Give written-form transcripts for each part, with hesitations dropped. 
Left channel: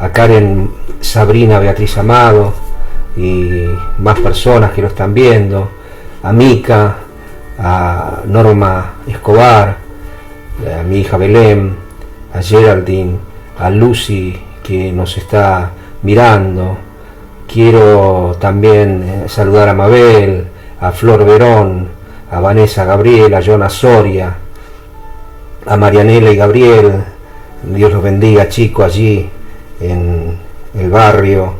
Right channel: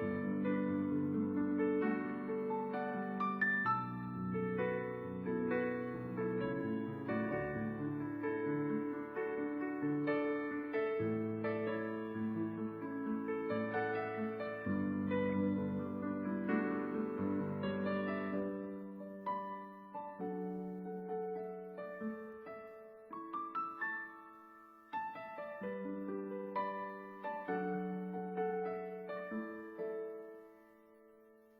A Karen, Sabrina, Beatriz Amado y más personas que lo están viendo, a Mica, a Norma Escobar, a mi hija Belén, a Geraldine, a Lucy que nos está mirando. Quiero también saludar a Mabel, a Flor Verón, a Vanessa Gabriel, a Jonas Soria, a Marianela y Gabriel. Dios los bendiga, chicos, allí en el barrio,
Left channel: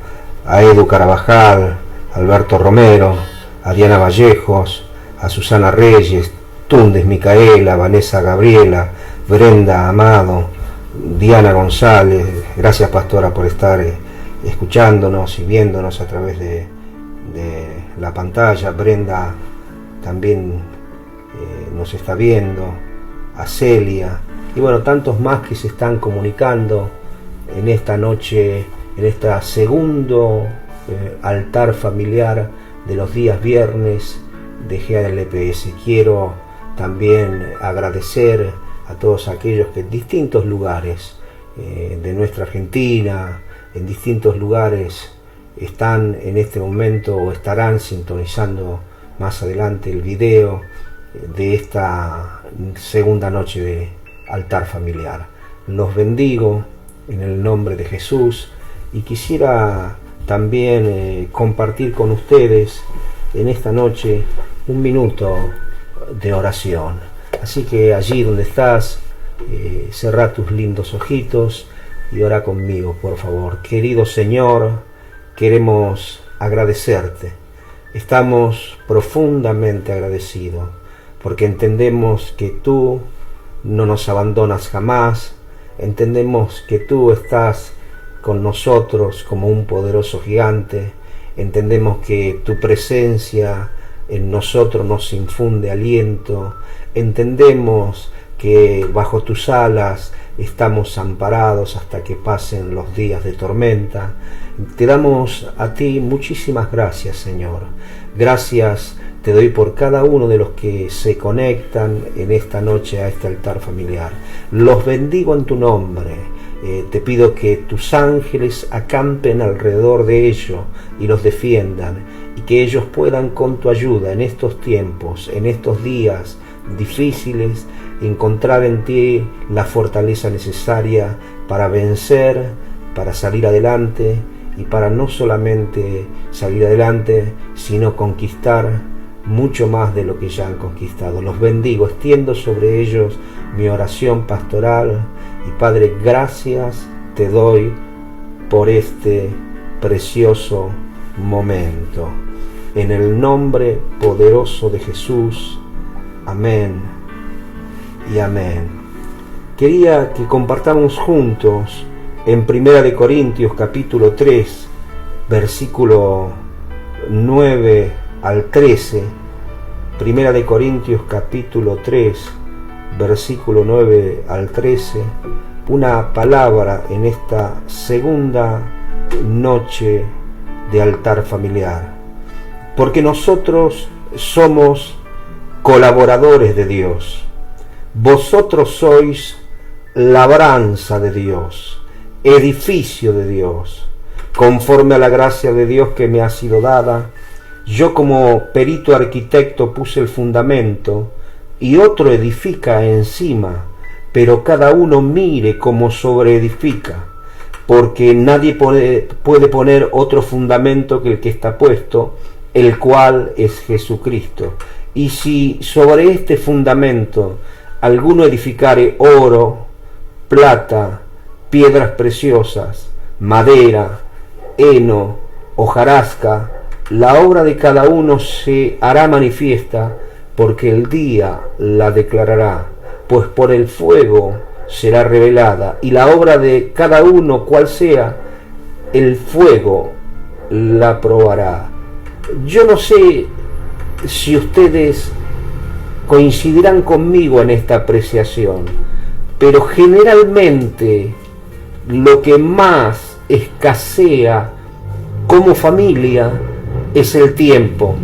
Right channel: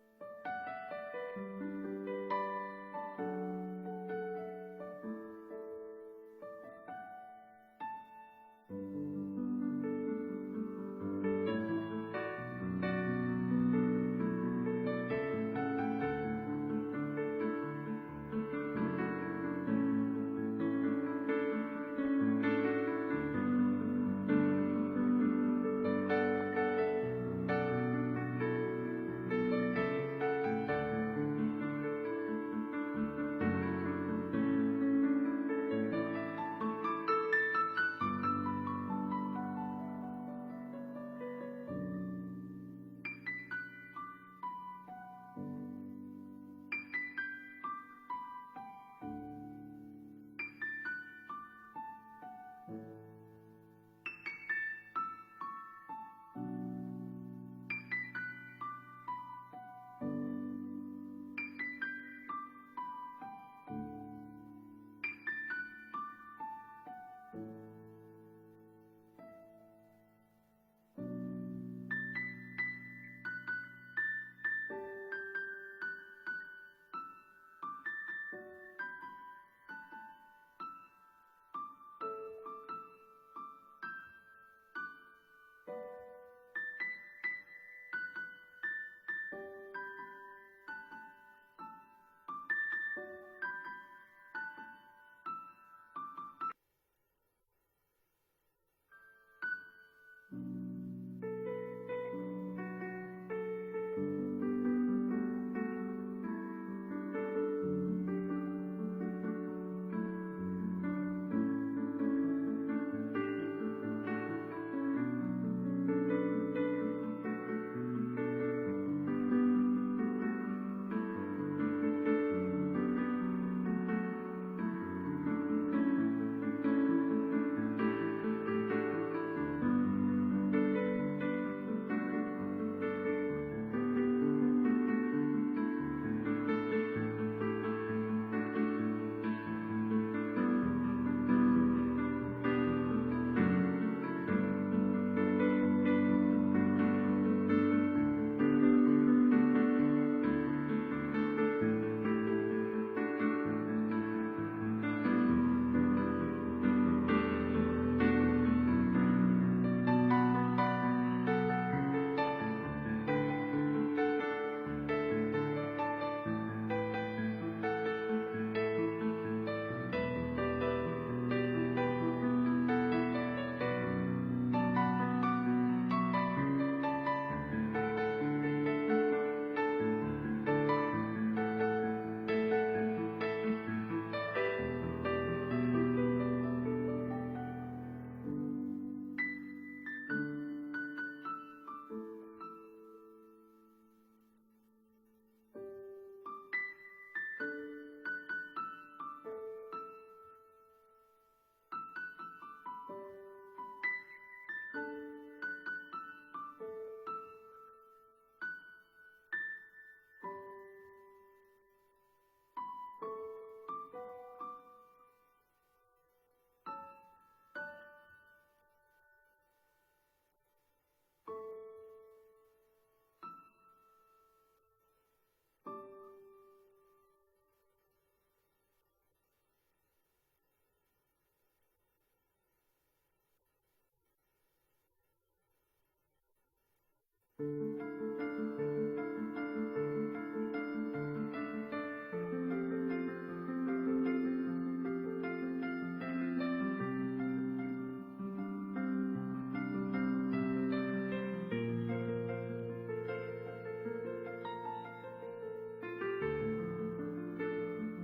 a Edu Carabajal, a Alberto Romero, a Diana Vallejos, a Susana Reyes, Tundes Micaela, Vanessa Gabriela, Brenda Amado, Diana González. Gracias, pastora, por estar escuchándonos y viéndonos a través de la pantalla. Brenda también nos está viendo, a Celia y bueno, tantos más que se están comunicando en esta noche, en este segundo altar familiar de los días viernes de GALPS. Quiero también agradecer a todos aquellos que en distintos lugares de nuestra Argentina, en distintos lugares, están en este momento o estarán sintonizando más adelante el video de esta segunda noche de altar familiar. Los bendigo en el nombre de Jesús y quisiera también compartir con ustedes en esta noche un minuto de oración. Así que allí donde estás, cerrá tus lindos ojitos y ora conmigo, por favor. Querido Señor, queremos agradecerte. Estamos profundamente agradecidos porque entendemos que tú no nos abandonas jamás. Entendemos que tú estás con nosotros como un poderoso gigante. Entendemos que tu presencia en nosotros nos infunde aliento. Entendemos que bajo tus alas estamos amparados hasta que pasen los días de tormenta. Te damos a ti muchísimas gracias, Señor. Gracias te doy por cada uno de los que se conectan en esta noche a este altar familiar. Los bendigo en tu nombre. Te pido que tus ángeles acampen alrededor de ellos y los defiendan, y que ellos puedan con tu ayuda en estos tiempos, en estos días difíciles, encontrar en ti la fortaleza necesaria para vencer, para salir adelante, y para no solamente salir adelante, sino conquistar mucho más de lo que ya han conquistado. Los bendigo, extiendo sobre ellos mi oración pastoral y Padre, gracias te doy por este precioso momento. En el nombre poderoso de Jesús, amén y amén. Quería que compartamos juntos en 1 Corintios capítulo 3, versículo 9 al 13, 1 Corintios capítulo 3, versículo 9 al 13, una palabra en esta segunda noche de altar familiar. Porque nosotros somos colaboradores de Dios. Vosotros sois labranza de Dios, edificio de Dios, conforme a la gracia de Dios que me ha sido dada. Yo como perito arquitecto puse el fundamento y otro edifica encima, pero cada uno mire cómo sobreedifica, porque nadie puede poner otro fundamento que el que está puesto, el cual es Jesucristo. Y si sobre este fundamento alguno edificare oro, plata, piedras preciosas, madera, heno, hojarasca, la obra de cada uno se hará manifiesta, porque el día la declarará, pues por el fuego será revelada, y la obra de cada uno, cual sea, el fuego la probará. Yo no sé si ustedes coincidirán conmigo en esta apreciación, pero generalmente lo que más escasea como familia es el tiempo,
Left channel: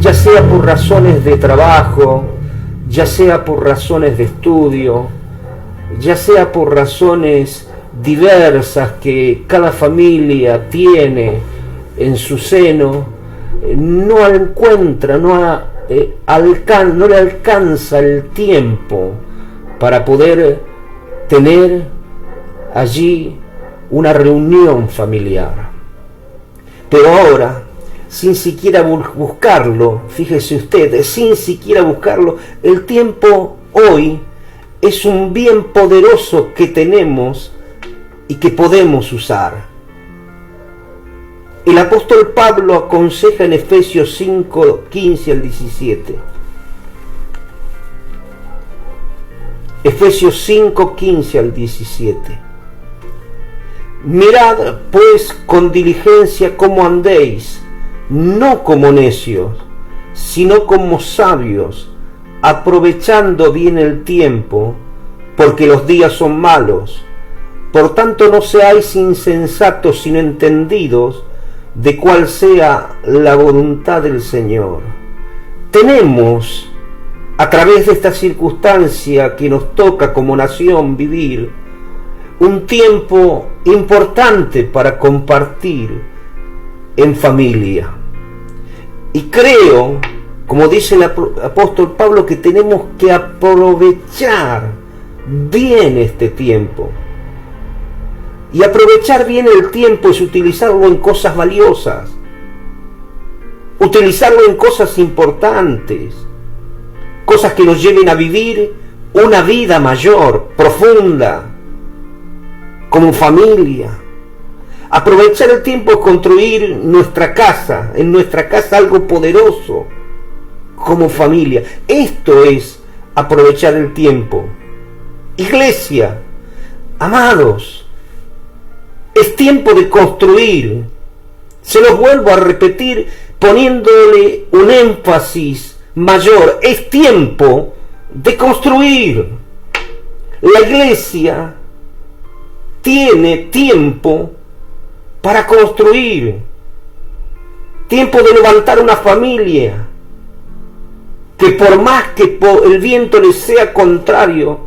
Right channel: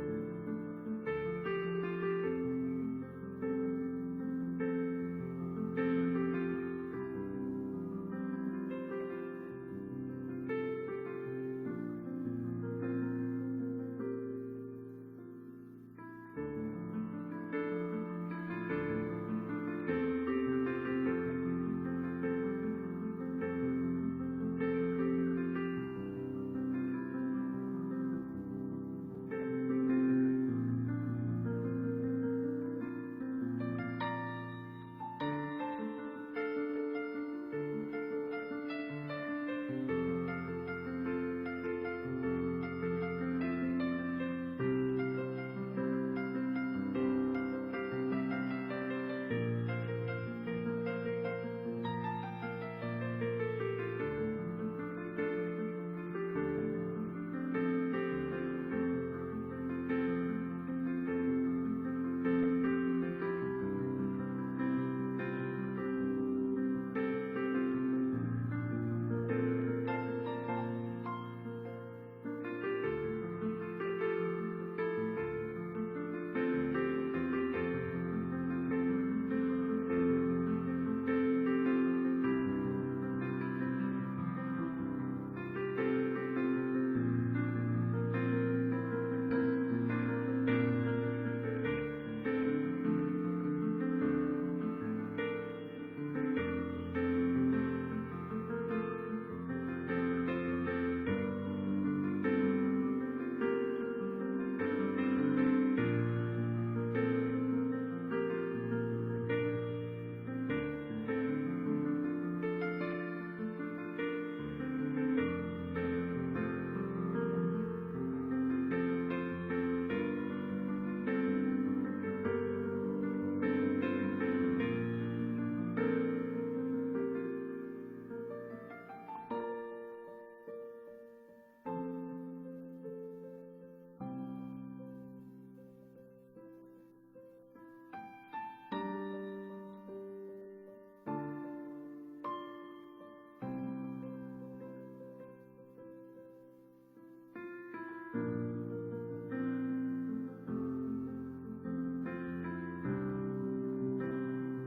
ya sea por razones de trabajo, ya sea por razones de estudio, ya sea por razones diversas que cada familia tiene en su seno, no encuentra, no le alcanza el tiempo para poder tener allí una reunión familiar. Pero ahora, sin siquiera buscarlo, fíjese usted, sin siquiera buscarlo, el tiempo hoy es un bien poderoso que tenemos y que podemos usar. El apóstol Pablo aconseja en Efesios 5, 15 al 17. Efesios 5, 15 al 17. Mirad pues con diligencia cómo andéis, no como necios, sino como sabios, aprovechando bien el tiempo, porque los días son malos. Por tanto no seáis insensatos, sino entendidos de cuál sea la voluntad del Señor. Tenemos, a través de esta circunstancia que nos toca como nación vivir, un tiempo importante para compartir en familia. Y creo, como dice el apóstol Pablo, que tenemos que aprovechar bien este tiempo. Y aprovechar bien el tiempo es utilizarlo en cosas valiosas, utilizarlo en cosas importantes, cosas que nos lleven a vivir una vida mayor, profunda, como familia. Aprovechar el tiempo es construir nuestra casa, en nuestra casa algo poderoso, como familia. Esto es aprovechar el tiempo. Iglesia, amados, es tiempo de construir. Se los vuelvo a repetir poniéndole un énfasis mayor. Es tiempo de construir. La iglesia tiene tiempo para construir. Tiempo de levantar una familia que por más que el viento le sea contrario,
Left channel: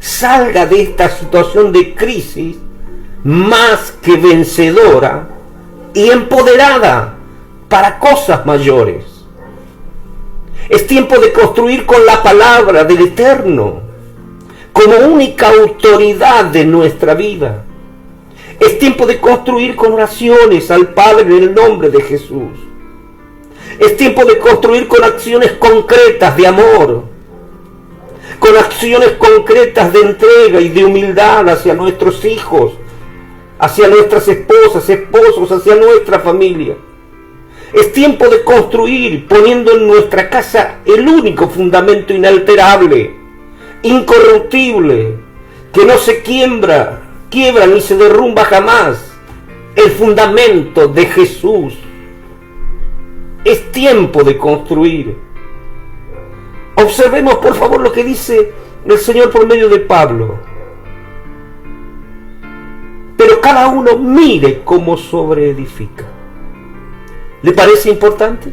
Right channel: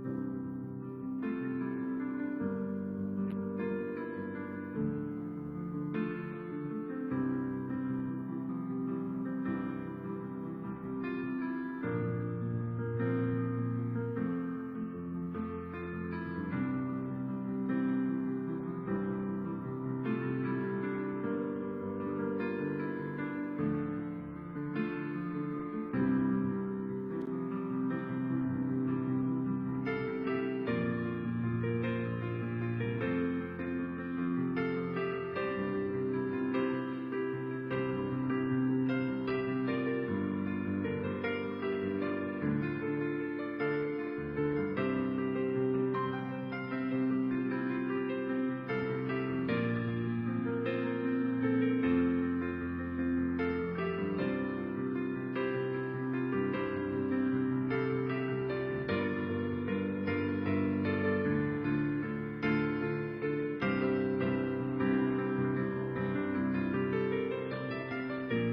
salga de esta situación de crisis más que vencedora y empoderada para cosas mayores. Es tiempo de construir con la palabra del Eterno como única autoridad de nuestra vida. Es tiempo de construir con oraciones al Padre en el nombre de Jesús. Es tiempo de construir con acciones concretas de amor, con acciones concretas de entrega y de humildad hacia nuestros hijos, hacia nuestras esposas, esposos, hacia nuestra familia. Es tiempo de construir poniendo en nuestra casa el único fundamento inalterable, incorruptible, que no se quiebra ni se derrumba jamás, el fundamento de Jesús. Es tiempo de construir. Observemos por favor lo que dice el Señor por medio de Pablo. Pero cada uno mire cómo sobreedifica. ¿Le parece importante?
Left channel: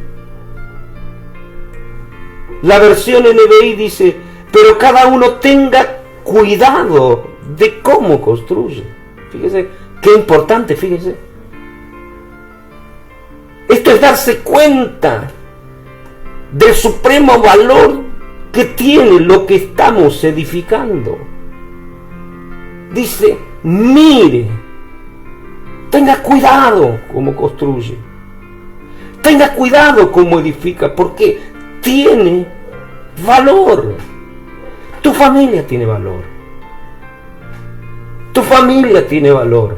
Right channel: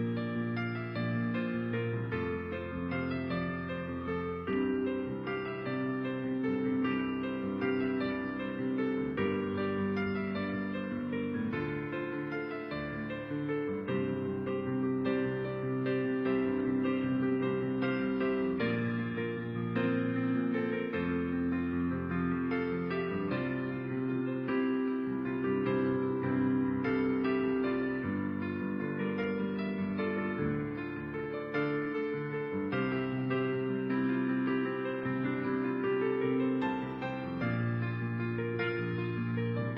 La versión NBI dice, pero cada uno tenga cuidado de cómo construye. Fíjese, qué importante, fíjese. Esto es darse cuenta del supremo valor que tiene lo que estamos edificando. Dice, mire, tenga cuidado cómo construye, tenga cuidado cómo edifica, porque tiene valor. Tu familia tiene valor. Tu familia tiene valor.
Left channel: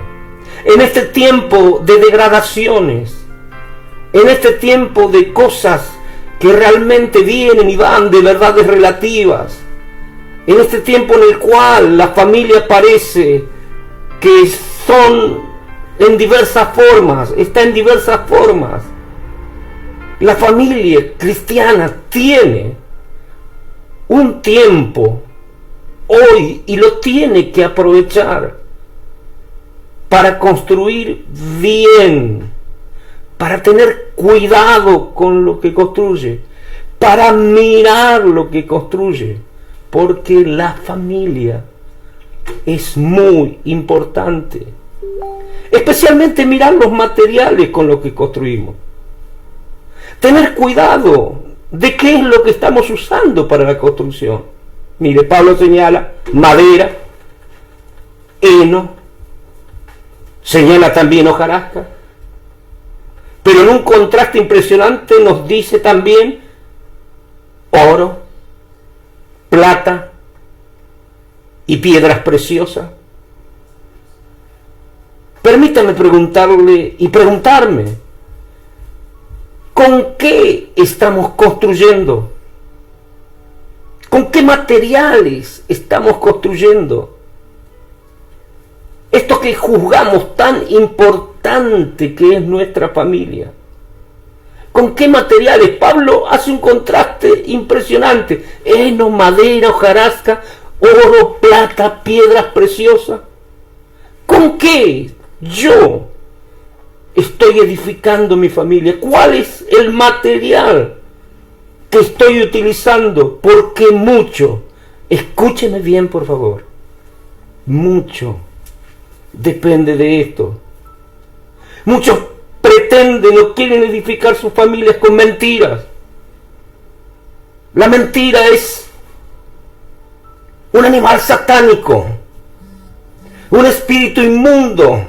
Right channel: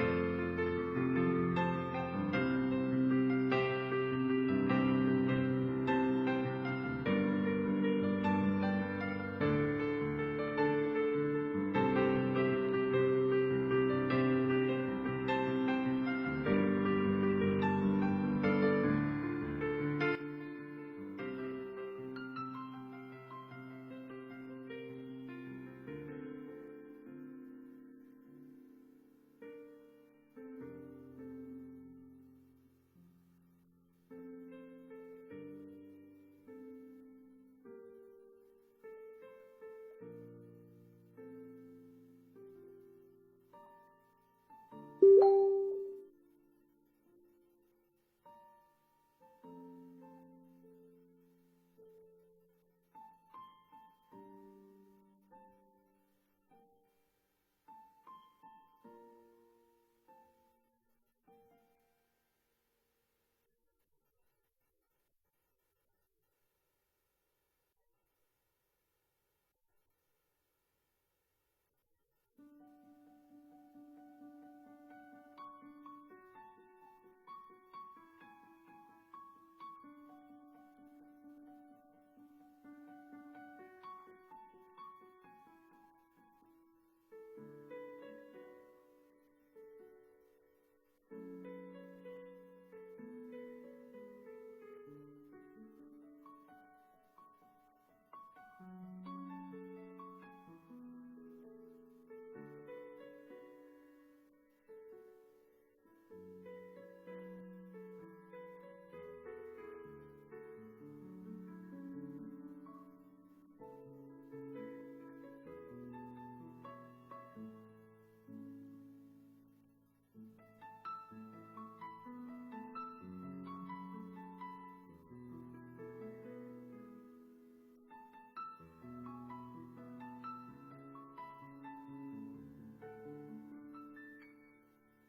En este tiempo de degradaciones, en este tiempo de cosas que realmente vienen y van, de verdades relativas, en este tiempo en el cual la familia parece que son en diversas formas, está en diversas formas, la familia cristiana tiene un tiempo hoy y lo tiene que aprovechar para construir bien, para tener cuidado con lo que construye, para mirar lo que construye, porque la familia es muy importante. Especialmente mirar los materiales con los que construimos. Tener cuidado de qué es lo que estamos usando para la construcción. Mire, Pablo señala madera, heno, señala también hojarasca, pero en un contraste impresionante nos dice también oro, plata y piedras preciosas. Permítame preguntarle y preguntarme, ¿con qué estamos construyendo? ¿Con qué materiales estamos construyendo? Esto que juzgamos tan importante que es nuestra familia. ¿Con qué materiales? Pablo hace un contraste impresionante. Heno, madera, hojarasca, oro, plata, piedras preciosas. ¿Con qué yo estoy edificando mi familia? ¿Cuál es el material que estoy utilizando? Porque mucho, escúcheme bien por favor, mucho depende de esto. Muchos pretenden o quieren edificar sus familias con mentiras. La mentira es un animal satánico, un espíritu inmundo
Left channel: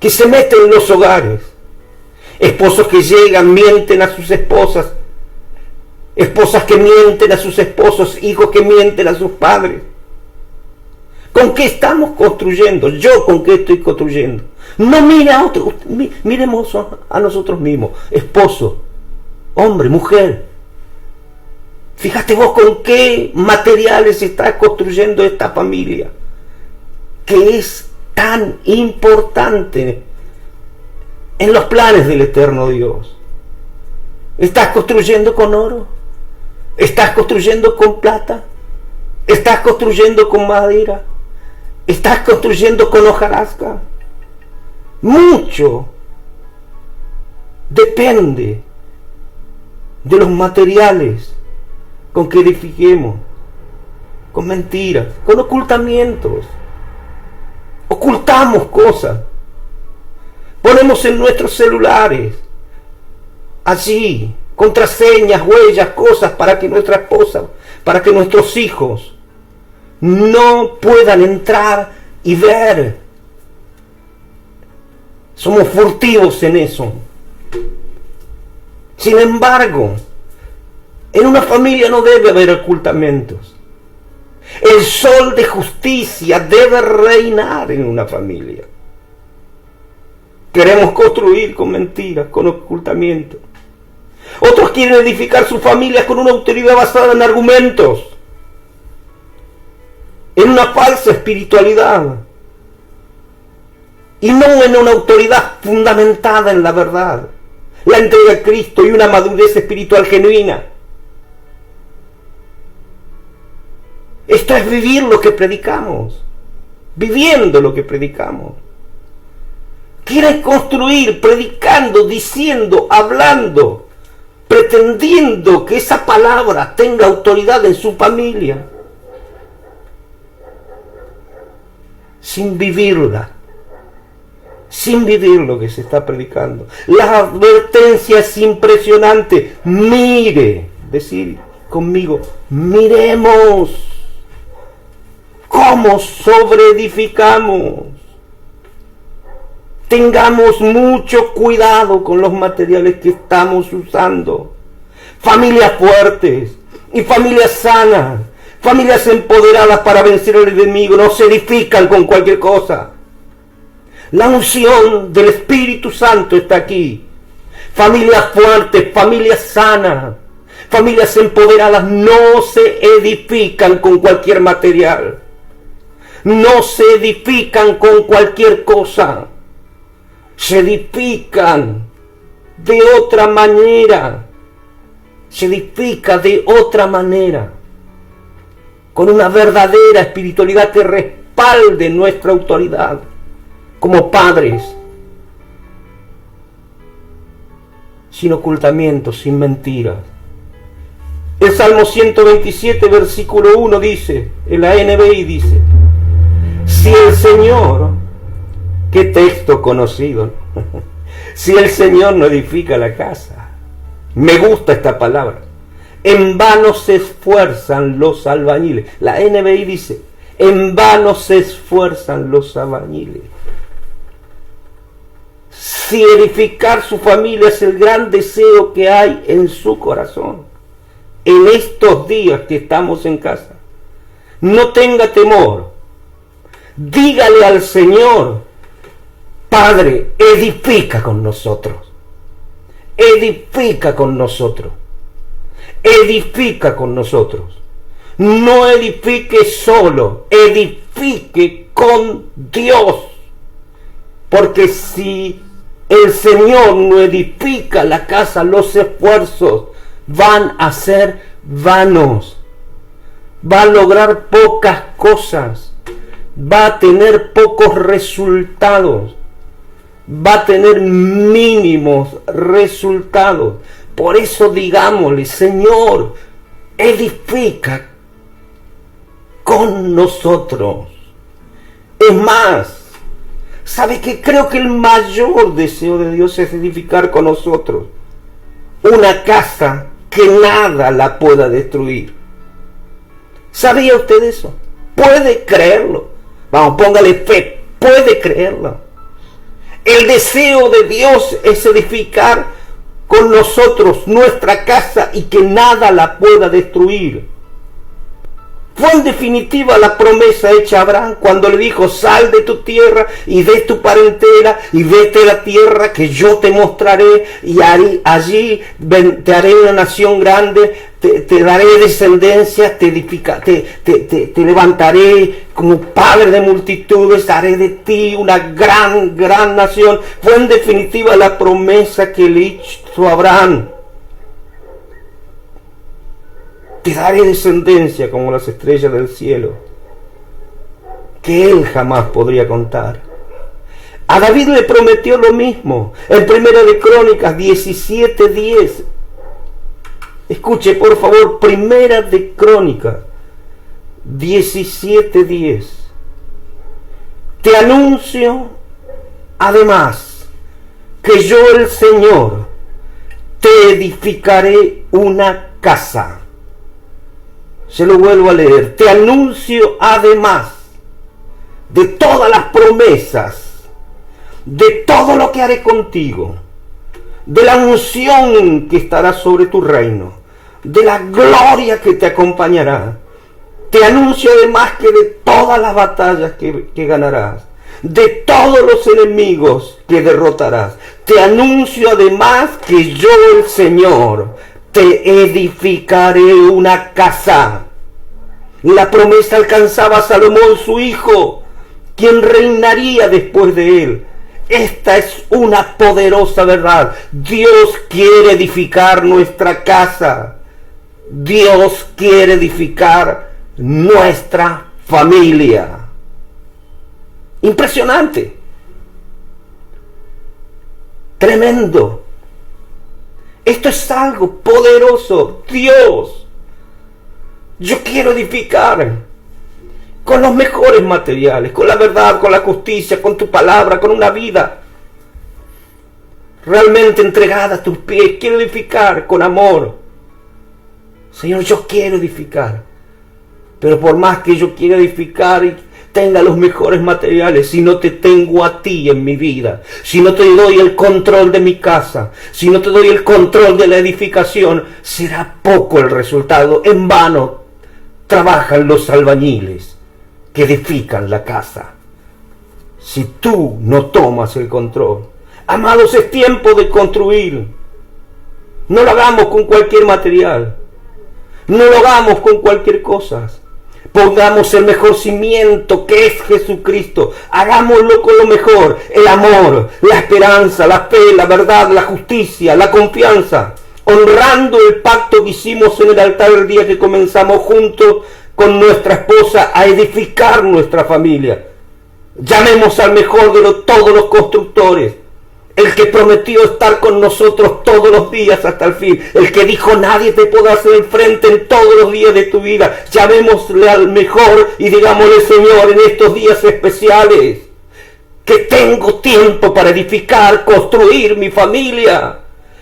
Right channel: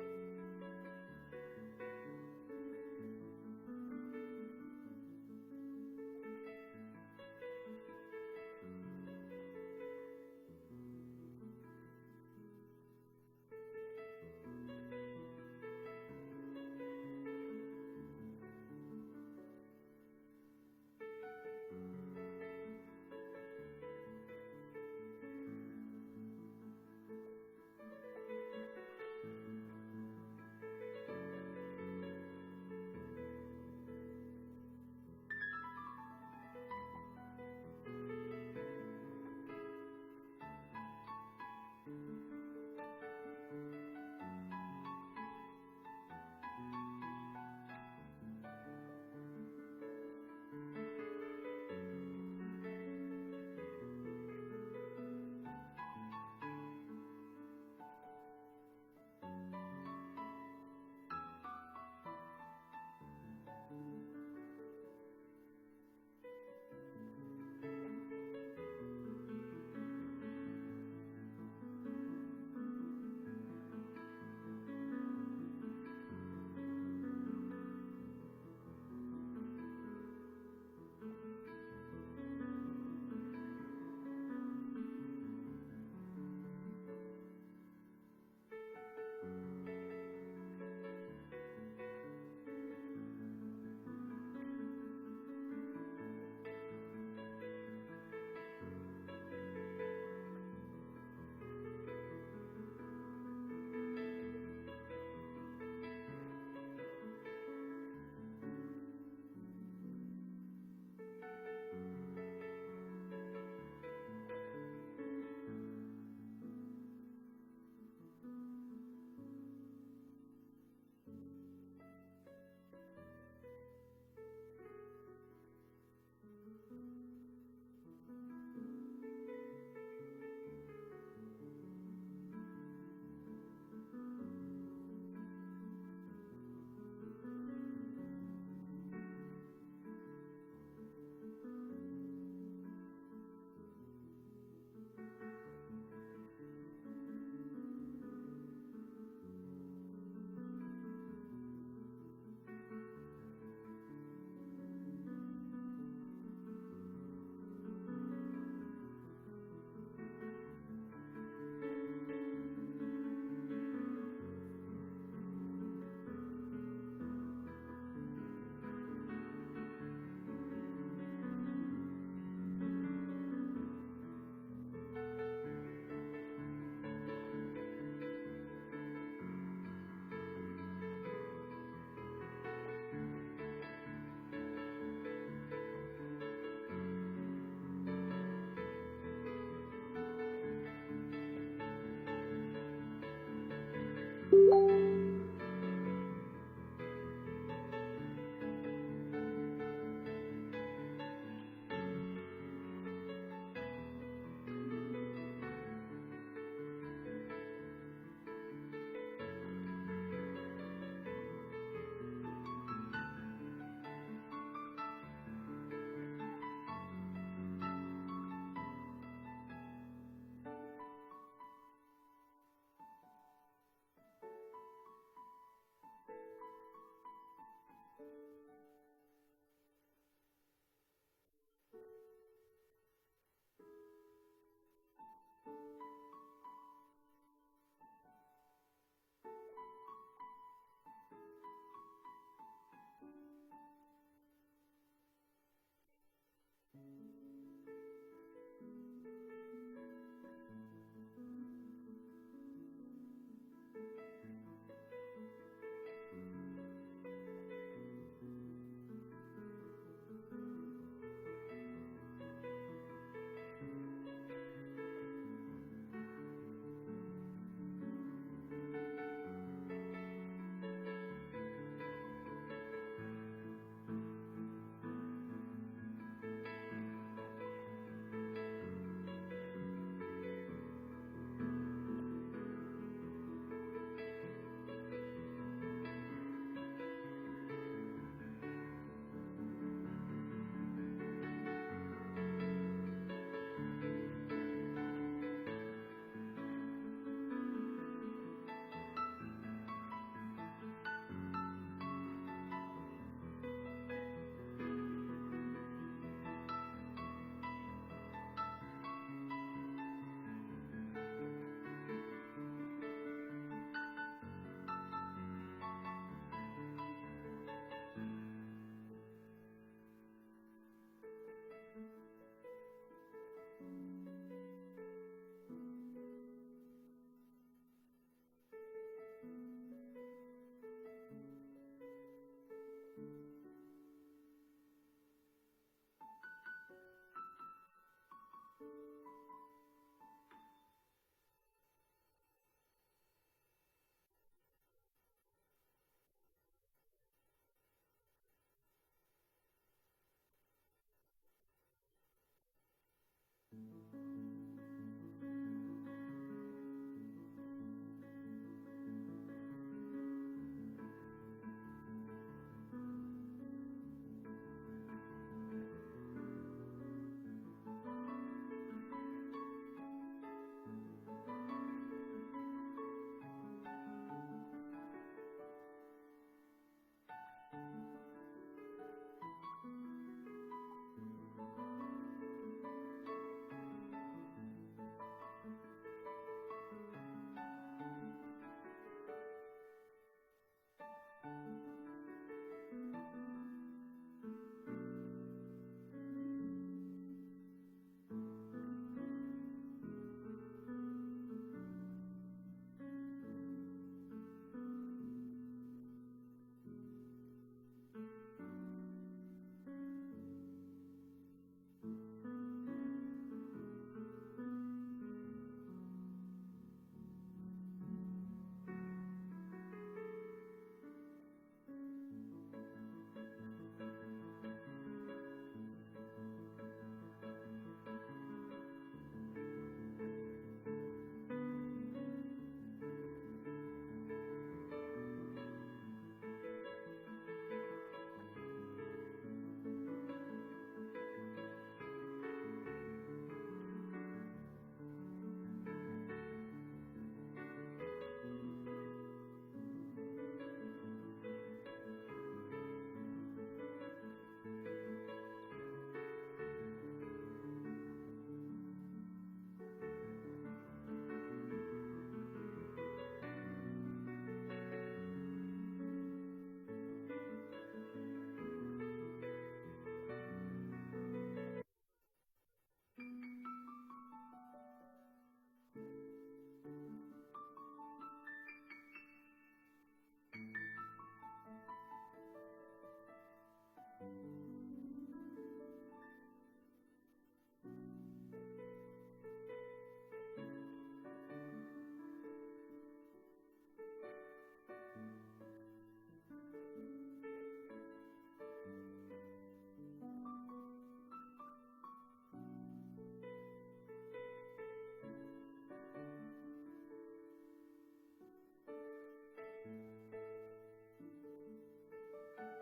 que se mete en los hogares. Esposos que llegan, mienten a sus esposas, esposas que mienten a sus esposos, hijos que mienten a sus padres. ¿Con qué estamos construyendo? ¿Yo con qué estoy construyendo? No mire a otros, miremos a nosotros mismos, esposo, hombre, mujer. Fíjate vos con qué materiales está construyendo esta familia, que es tan importante en los planes del eterno Dios. ¿Estás construyendo con oro? ¿Estás construyendo con plata? ¿Estás construyendo con madera? ¿Estás construyendo con hojarasca? Mucho depende de los materiales con que edifiquemos, con mentiras, con ocultamientos. Ocultamos cosas. Ponemos en nuestros celulares allí contraseñas, huellas, cosas para que nuestra esposa, para que nuestros hijos no puedan entrar y ver. Somos furtivos en eso. Sin embargo, en una familia no debe haber ocultamientos. El sol de justicia debe reinar en una familia. Queremos construir con mentiras, con ocultamientos. Otros quieren edificar sus familias con una autoridad basada en argumentos, en una falsa espiritualidad, y no en una autoridad fundamentada en la verdad, la entrega a Cristo y una madurez espiritual genuina. Esto es vivir lo que predicamos, viviendo lo que predicamos. Quieren construir predicando, diciendo, hablando, pretendiendo que esa palabra tenga autoridad en su familia, sin vivirla, sin vivir lo que se está predicando. La advertencia es impresionante. Mire, decir conmigo, miremos cómo sobreedificamos. Tengamos mucho cuidado con los materiales que estamos usando. Familias fuertes y familias sanas, familias empoderadas para vencer al enemigo, no se edifican con cualquier cosa. La unción del Espíritu Santo está aquí. Familias fuertes, familias sanas, familias empoderadas no se edifican con cualquier material. No se edifican con cualquier cosa. Se edifican de otra manera. Se edifica de otra manera. Con una verdadera espiritualidad que respalde nuestra autoridad como padres. Sin ocultamientos, sin mentiras. El Salmo 127, versículo 1 dice, en la NBI dice, si el Señor, qué texto conocido, si el Señor no edifica la casa, me gusta esta palabra, en vano se esfuerzan los albañiles. La NBI dice, en vano se esfuerzan los albañiles. Si edificar su familia es el gran deseo que hay en su corazón, en estos días que estamos en casa, no tenga temor. Dígale al Señor, Padre, edifica con nosotros. Edifica con nosotros. Edifica con nosotros. No edifique solo, edifique con Dios. Porque si el Señor no edifica la casa, los esfuerzos van a ser vanos. Va a lograr pocas cosas. Va a tener pocos resultados. Va a tener mínimos resultados. Por eso digámosle, Señor, edifica con nosotros. Es más, ¿sabe qué? Creo que el mayor deseo de Dios es edificar con nosotros una casa que nada la pueda destruir. ¿Sabía usted eso? ¿Puede creerlo? Vamos, póngale fe, puede creerlo. El deseo de Dios es edificar con nosotros nuestra casa y que nada la pueda destruir. Fue en definitiva la promesa hecha a Abraham cuando le dijo, sal de tu tierra y de tu parentela y vete a la tierra que yo te mostraré y allí te haré una nación grande, te daré descendencia, te levantaré como padre de multitudes, haré de ti una gran nación. Fue en definitiva la promesa que le hizo a Abraham. Te daré descendencia como las estrellas del cielo, que él jamás podría contar. A David le prometió lo mismo, en Primera de Crónicas 17:10. Escuche, por favor, Primera de Crónicas 17:10. Te anuncio, además, que yo, el Señor, te edificaré una casa. Se lo vuelvo a leer. Te anuncio además de todas las promesas, de todo lo que haré contigo, de la unción que estará sobre tu reino, de la gloria que te acompañará. Te anuncio además que de todas las batallas que ganarás, de todos los enemigos que derrotarás. Te anuncio además que yo, el Señor, te edificaré una casa. La promesa alcanzaba a Salomón, su hijo, quien reinaría después de él. Esta es una poderosa verdad. Dios quiere edificar nuestra casa. Dios quiere edificar nuestra familia. Impresionante. Tremendo. Esto es algo poderoso. Dios, yo quiero edificar con los mejores materiales, con la verdad, con la justicia, con tu palabra, con una vida realmente entregada a tus pies. Quiero edificar con amor. Señor, yo quiero edificar. Pero por más que yo quiera edificar y tenga los mejores materiales, si no te tengo a ti en mi vida, si no te doy el control de mi casa, si no te doy el control de la edificación, será poco el resultado. En vano trabajan los albañiles que edifican la casa, si tú no tomas el control. Amados, es tiempo de construir. No lo hagamos con cualquier material, no lo hagamos con cualquier cosa. Pongamos el mejor cimiento, que es Jesucristo. Hagámoslo con lo mejor: el amor, la esperanza, la fe, la verdad, la justicia, la confianza, honrando el pacto que hicimos en el altar el día que comenzamos juntos con nuestra esposa a edificar nuestra familia. Llamemos al mejor de todos los constructores, el que prometió estar con nosotros todos los días hasta el fin, el que dijo nadie te podrá hacer frente en todos los días de tu vida. Llamémosle al mejor y digámosle: Señor, en estos días especiales, que tengo tiempo para edificar, construir mi familia,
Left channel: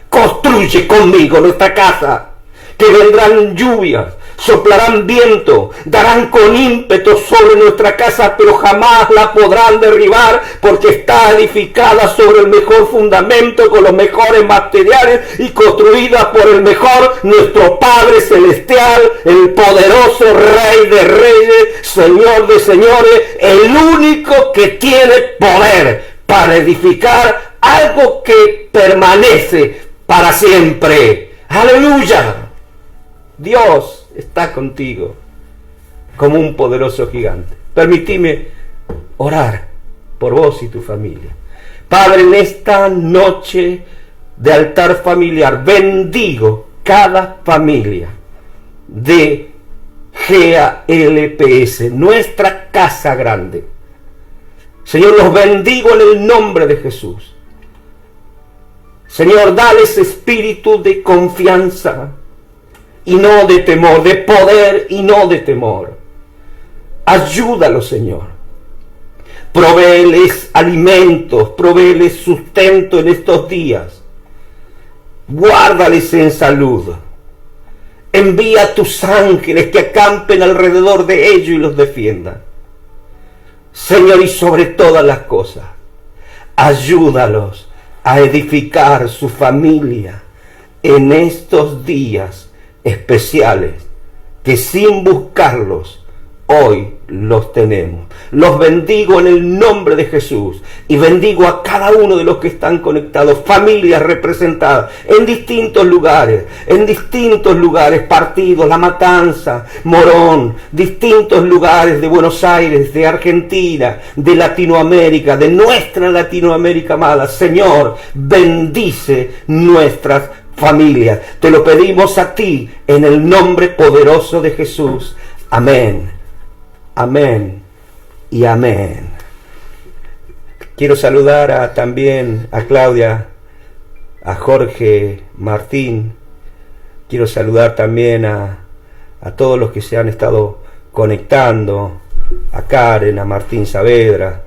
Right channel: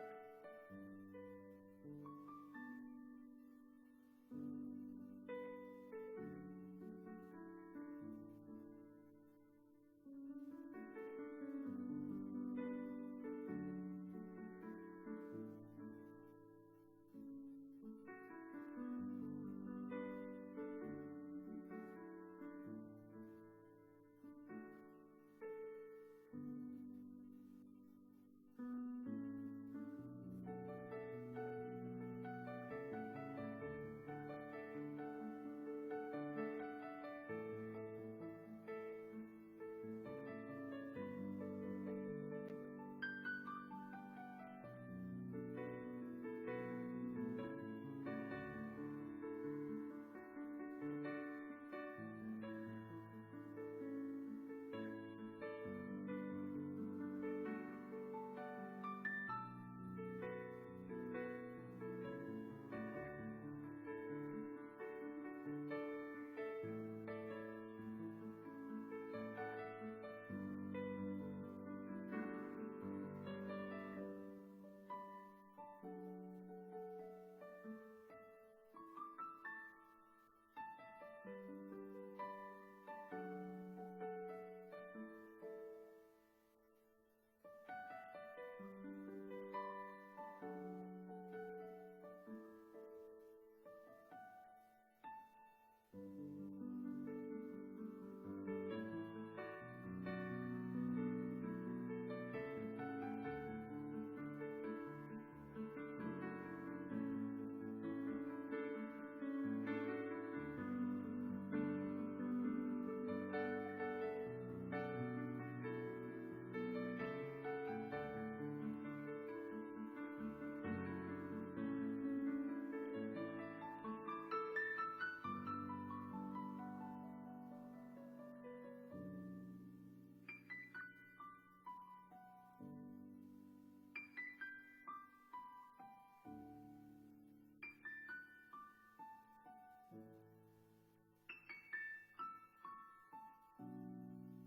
construye conmigo nuestra casa, que vendrán lluvias, soplarán viento, darán con ímpetu sobre nuestra casa, pero jamás la podrán derribar, porque está edificada sobre el mejor fundamento, con los mejores materiales y construida por el mejor, nuestro Padre Celestial, el poderoso Rey de Reyes, Señor de Señores, el único que tiene poder para edificar algo que permanece para siempre. ¡Aleluya! Dios está contigo como un poderoso gigante. Permitime orar por vos y tu familia. Padre, en esta noche de altar familiar, bendigo cada familia de GALPS, nuestra casa grande. Señor, los bendigo en el nombre de Jesús. Señor, dales espíritu de confianza y no de temor, de poder y no de temor. Ayúdalos, Señor. Provéeles alimentos, provéeles sustento en estos días. Guárdales en salud. Envía tus ángeles que acampen alrededor de ellos y los defiendan. Señor, y sobre todas las cosas, ayúdalos a edificar su familia en estos días especiales que sin buscarlos hoy los tenemos. Los bendigo en el nombre de Jesús y bendigo a cada uno de los que están conectados, familias representadas en distintos lugares, partidos, La Matanza, Morón, distintos lugares de Buenos Aires, de Argentina, de Latinoamérica, de nuestra Latinoamérica amada. Señor, bendice nuestras familias. Te lo pedimos a ti en el nombre poderoso de Jesús. Amén. Amén y amén. Quiero saludar también a Claudia, a Jorge Martín. Quiero saludar también a todos los que se han estado conectando, a Karen, a Martín Saavedra,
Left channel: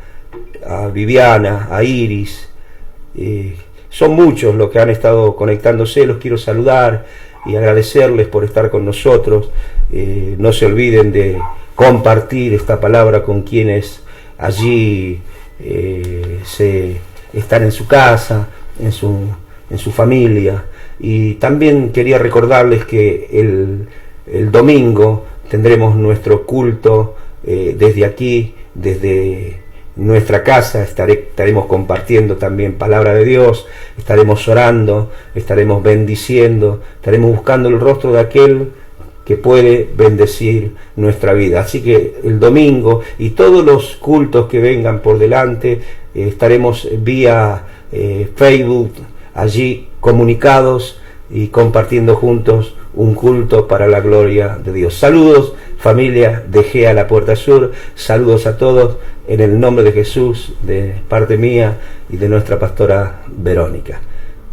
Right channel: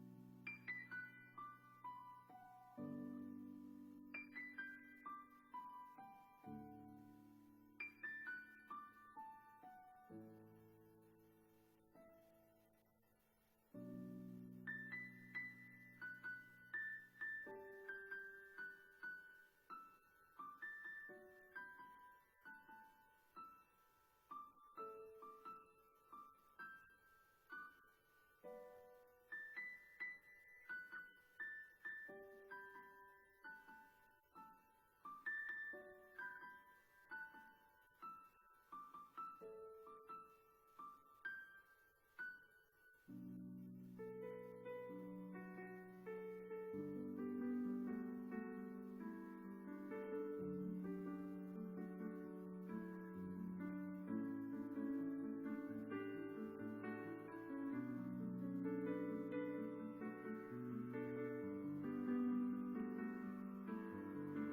a Viviana, a Iris. Son muchos los que han estado conectándose. Los quiero saludar y agradecerles por estar con nosotros. No se olviden de compartir esta palabra con quienes allí están en su casa, en su familia. Y también quería recordarles que el domingo tendremos nuestro culto desde aquí, desde nuestra casa. Estaremos compartiendo también palabra de Dios, estaremos orando, estaremos bendiciendo, estaremos buscando el rostro de aquel que puede bendecir nuestra vida. Así que el domingo y todos los cultos que vengan por delante, estaremos vía Facebook allí comunicados y compartiendo juntos un culto para la gloria de Dios. Saludos, familia de GEA La Puerta Sur, saludos a todos en el nombre de Jesús, de parte mía y de nuestra pastora Verónica.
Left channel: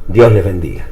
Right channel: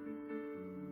Dios les bendiga.